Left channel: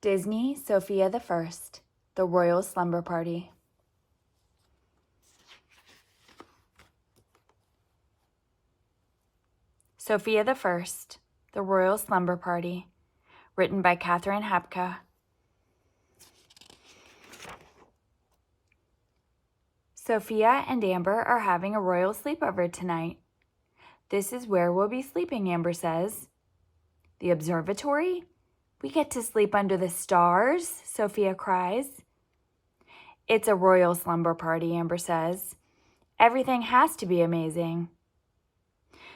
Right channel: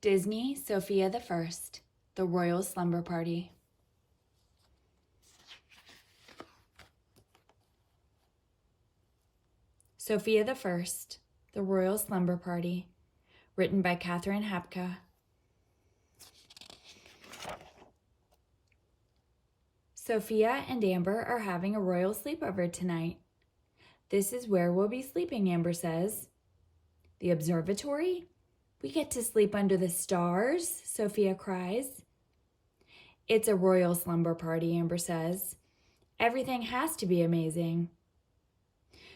Disney, Sofia the First, The Royal Slumber Party. Sofia the First, The Royal Slumber Party, written by Catherine Hapka. Sofia and Amber are having a royal sleepover tonight. This is where we'll be sleeping, Amber says. The observatory? We get to sleep under the stars, Sofia cries. It's a royal slumber party, Amber says. Everything has to be amazing.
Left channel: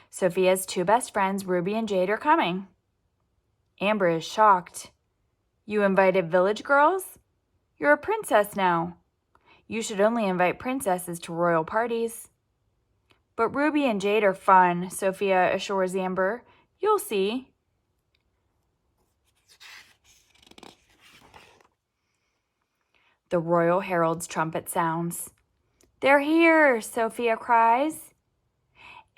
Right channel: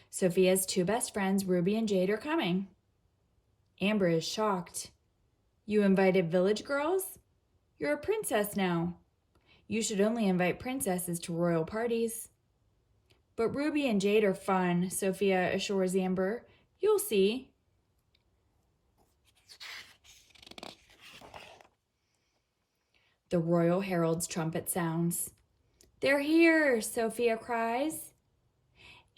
Sofia's two best friends, Ruby and Jade, are coming. Amber is shocked. You invited village girls? You're a princess now. You should only invite princesses to royal parties. But Ruby and Jade are fun, Sofia assures Amber. You'll see. The royal herald's trumpet sounds. They're here, Sofia cries.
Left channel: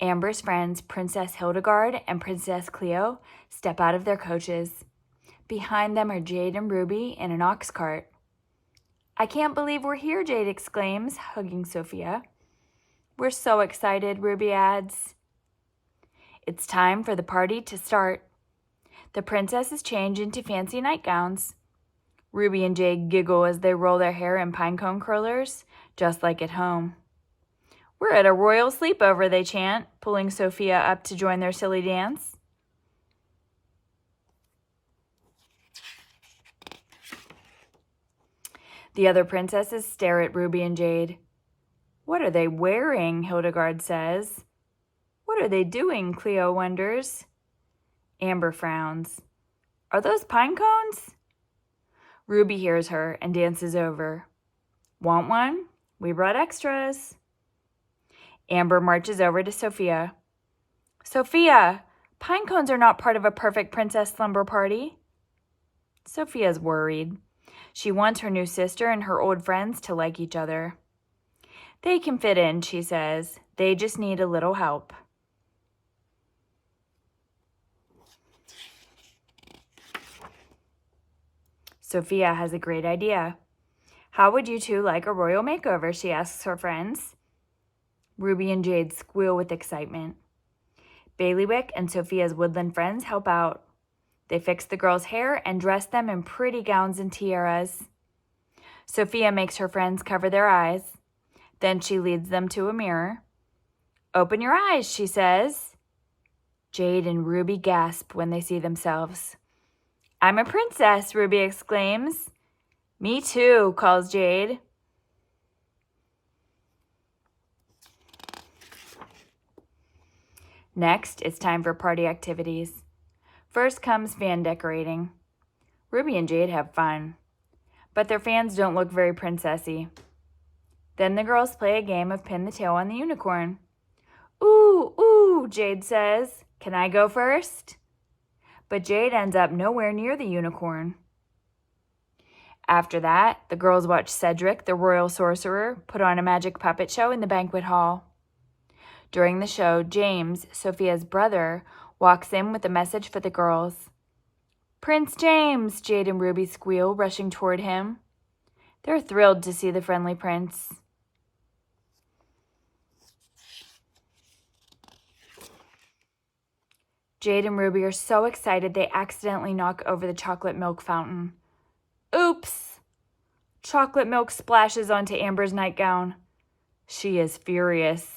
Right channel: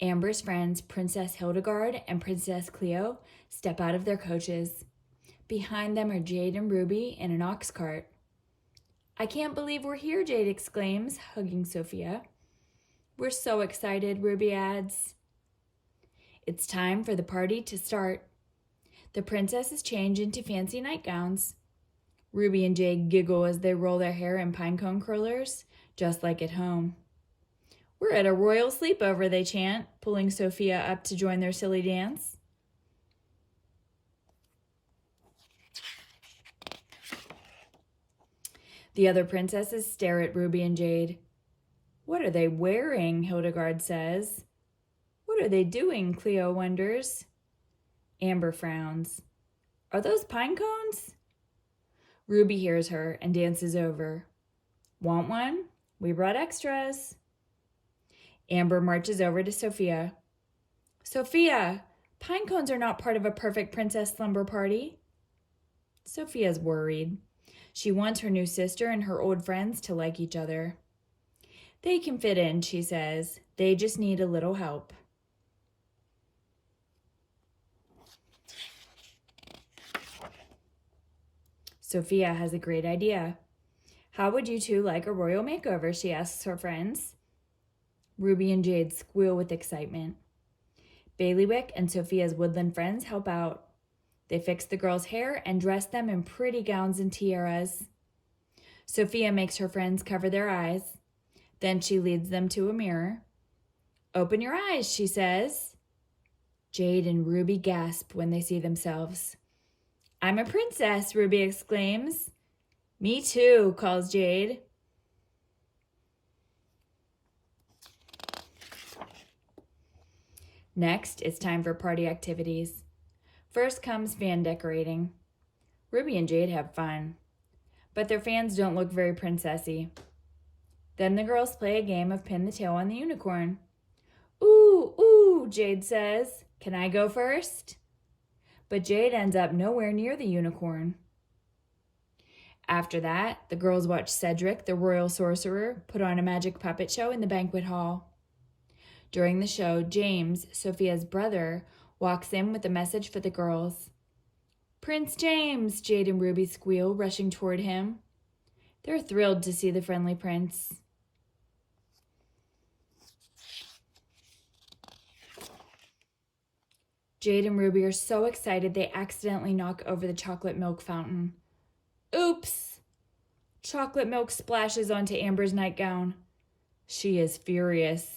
Amber's friends, Princess Hildegard and Princess Cleo, step out of their coaches. Behind them are Jade and Ruby in an ox cart. I can't believe we're here, Jade exclaims, hugging Sofia. We're so excited, Ruby adds. It's time for the party to start. The princesses change into fancy nightgowns. Ruby and Jade giggle as they roll their hair in pinecone curlers, just like at home. We're at a royal sleepover, they chant, pulling Sofia up to join their silly dance. The other princesses stare at Ruby and Jade. What are they wearing? Hildegard says. What are they doing? Cleo wonders. Amber frowns. Are those pine cones? Ruby hears her and dances over. Want one? We brought extras. Amber marches over to Sofia. Sofia, pine cones are not part of a perfect princess slumber party. Sofia's worried. She wants her new sister and her old friends to like each other. They can fit in, she says. They just need a little help. Sofia has a great idea. How would you two like a royal makeover, she asks her friends. Ruby and Jade squeal with excitement. Bailiwick and Sofia's woodland friends help out. They fix the girls' hair and dress them in pretty gowns and tiaras. Sofia makes her friends cover their eyes. Then she leads them to a mirror. Open your eyes, she says. Jade and Ruby gasp when they see themselves. I'm a princess, Ruby exclaims. Me too, calls Jade. Next, it's time for party activities. First comes fan decorating. Ruby and Jade have fun, but their fans don't look very princessy. Then the girls play a game of pin the tail on the unicorn. Ooh, ooh, Jade says. Can I go first? But Jade ends up nowhere near the unicorn. After that, the girls watch Cedric, the royal sorcerer, put on a magic puppet show in the banquet hall. During the show, James, Sofia's brother, walks in with a message for the girls. Prince James, Jade and Ruby squeal, rushing toward him. They're thrilled to see the friendly prince. Jade and Ruby are so excited they accidentally knock over the chocolate milk fountain. Oops! Chocolate milk splashes onto Amber's nightgown. She is furious.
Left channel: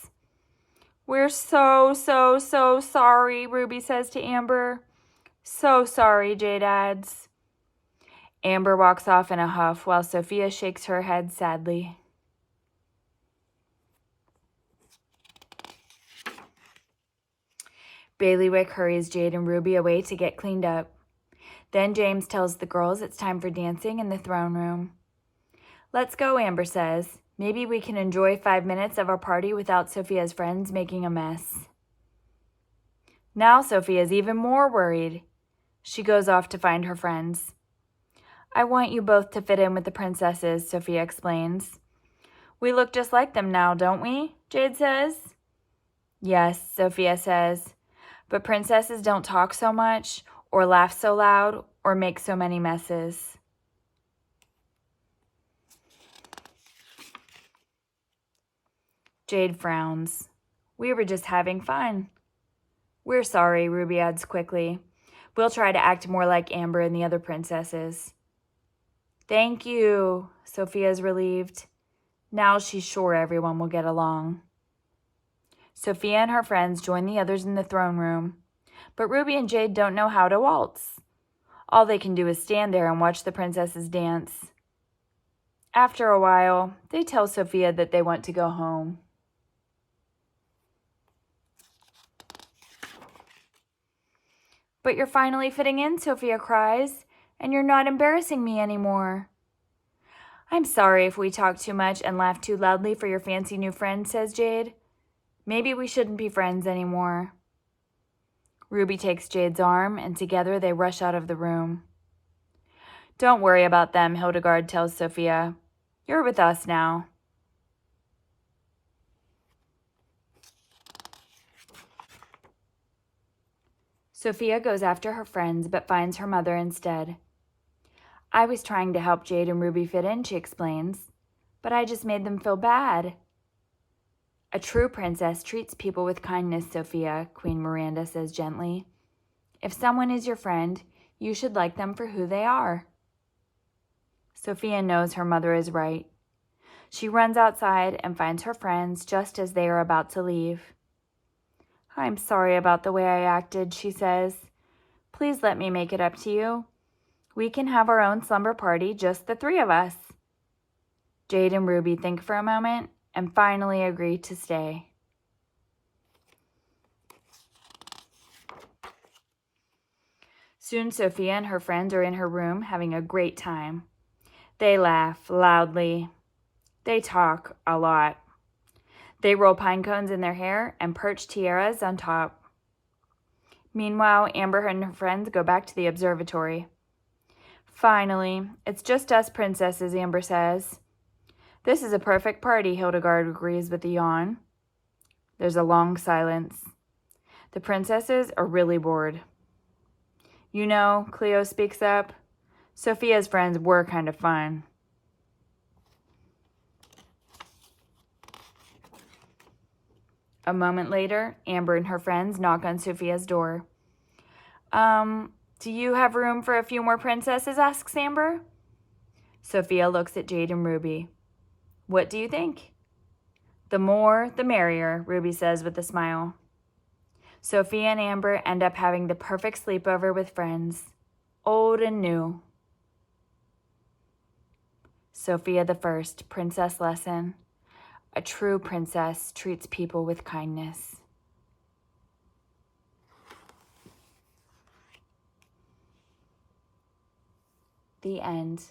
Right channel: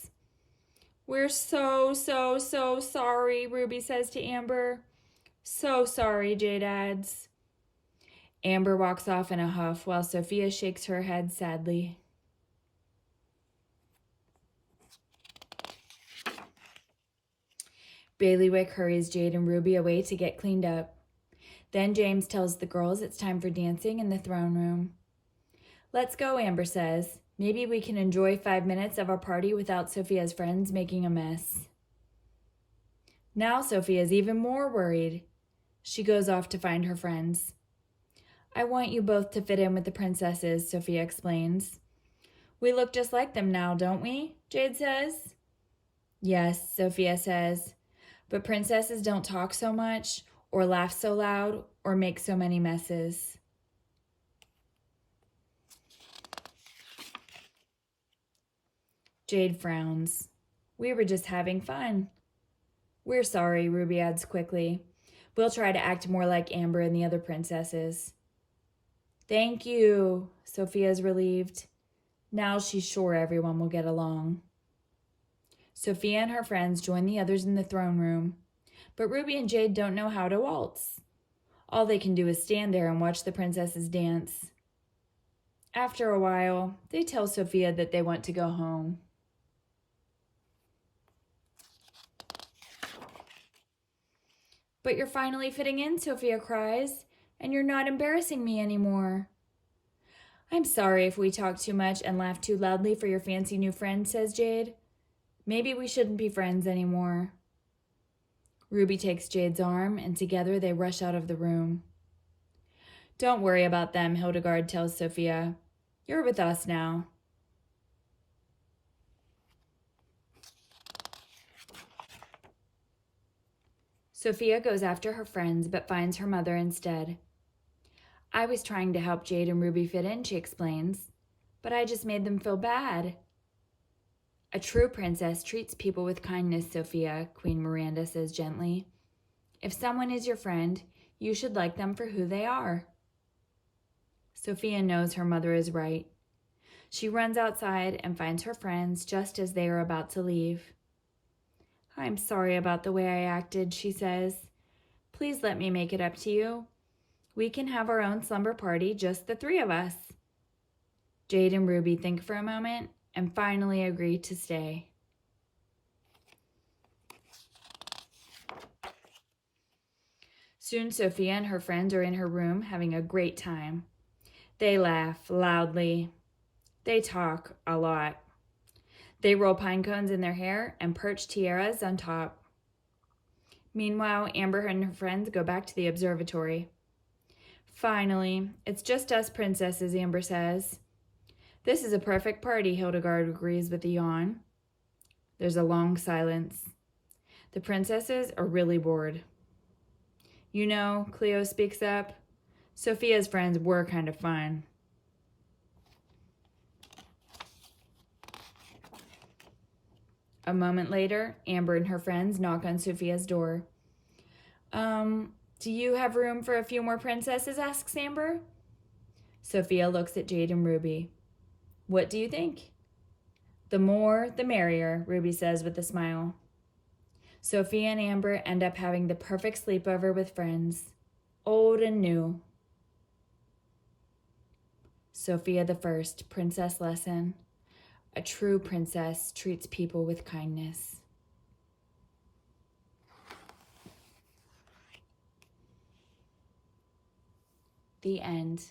We're so sorry, Ruby says to Amber. So sorry, Jade adds. Amber walks off in a huff while Sofia shakes her head sadly. Bailiwick hurries Jade and Ruby away to get cleaned up. Then James tells the girls it's time for dancing in the throne room. Let's go, Amber says. Maybe we can enjoy 5 minutes of our party without Sofia's friends making a mess. Now Sofia's even more worried. She goes off to find her friends. I want you both to fit in with the princesses, Sofia explains. We look just like them now, don't we? Jade says. Yes, Sofia says. But princesses don't talk so much, or laugh so loud, or make so many messes. Jade frowns. We were just having fun. We're sorry, Ruby adds quickly. We'll try to act more like Amber and the other princesses. Thank you, Sophia's relieved. Now she's sure everyone will get along. Sophia and her friends join the others in the throne room, but Ruby and Jade don't know how to waltz. All they can do is stand there and watch the princesses dance. After a while, they tell Sophia that they want to go home. But you're finally fitting in, Sophia cries, and you're not embarrassing me anymore. I'm sorry if we talk too much and laugh too loudly for your fancy new friend, says Jade. Maybe we shouldn't be friends anymore. Ruby takes Jade's arm, and together they rush out of the room. Don't worry about them, Hildegard tells Sophia. You're with us now. Sophia goes after her friends, but finds her mother instead. I was trying to help Jade and Ruby fit in, she explains, but I just made them feel bad. A true princess treats people with kindness, Sophia, Queen Miranda says gently. If someone is your friend, you should like them for who they are. Sophia knows her mother is right. She runs outside and finds her friends just as they are about to leave. I'm sorry about the way I acted, she says. Please let me make it up to you. We can have our own slumber party, just the three of us. Jade and Ruby think for a moment and finally agree to stay. Soon Sophia and her friends are in her room having a great time. They laugh loudly. They talk a lot. They roll pine cones in their hair and perch tiaras on top. Meanwhile, Amber and her friends go back to the observatory. Finally, it's just us princesses, Amber says. This is a perfect party, Hildegard agrees with a yawn. There's a long silence. The princesses are really bored. You know, Cleo speaks up, Sophia's friends were kind of fun. A moment later, Amber and her friends knock on Sophia's door. Do you have room for a few more princesses? Asks Amber. Sophia looks at Jade and Ruby. What do you think? The more, the merrier, Ruby says with a smile. Sophia and Amber end up having the perfect sleepover with friends, old and new. Sophia the First, Princess Lesson. A true princess treats people with kindness. The end.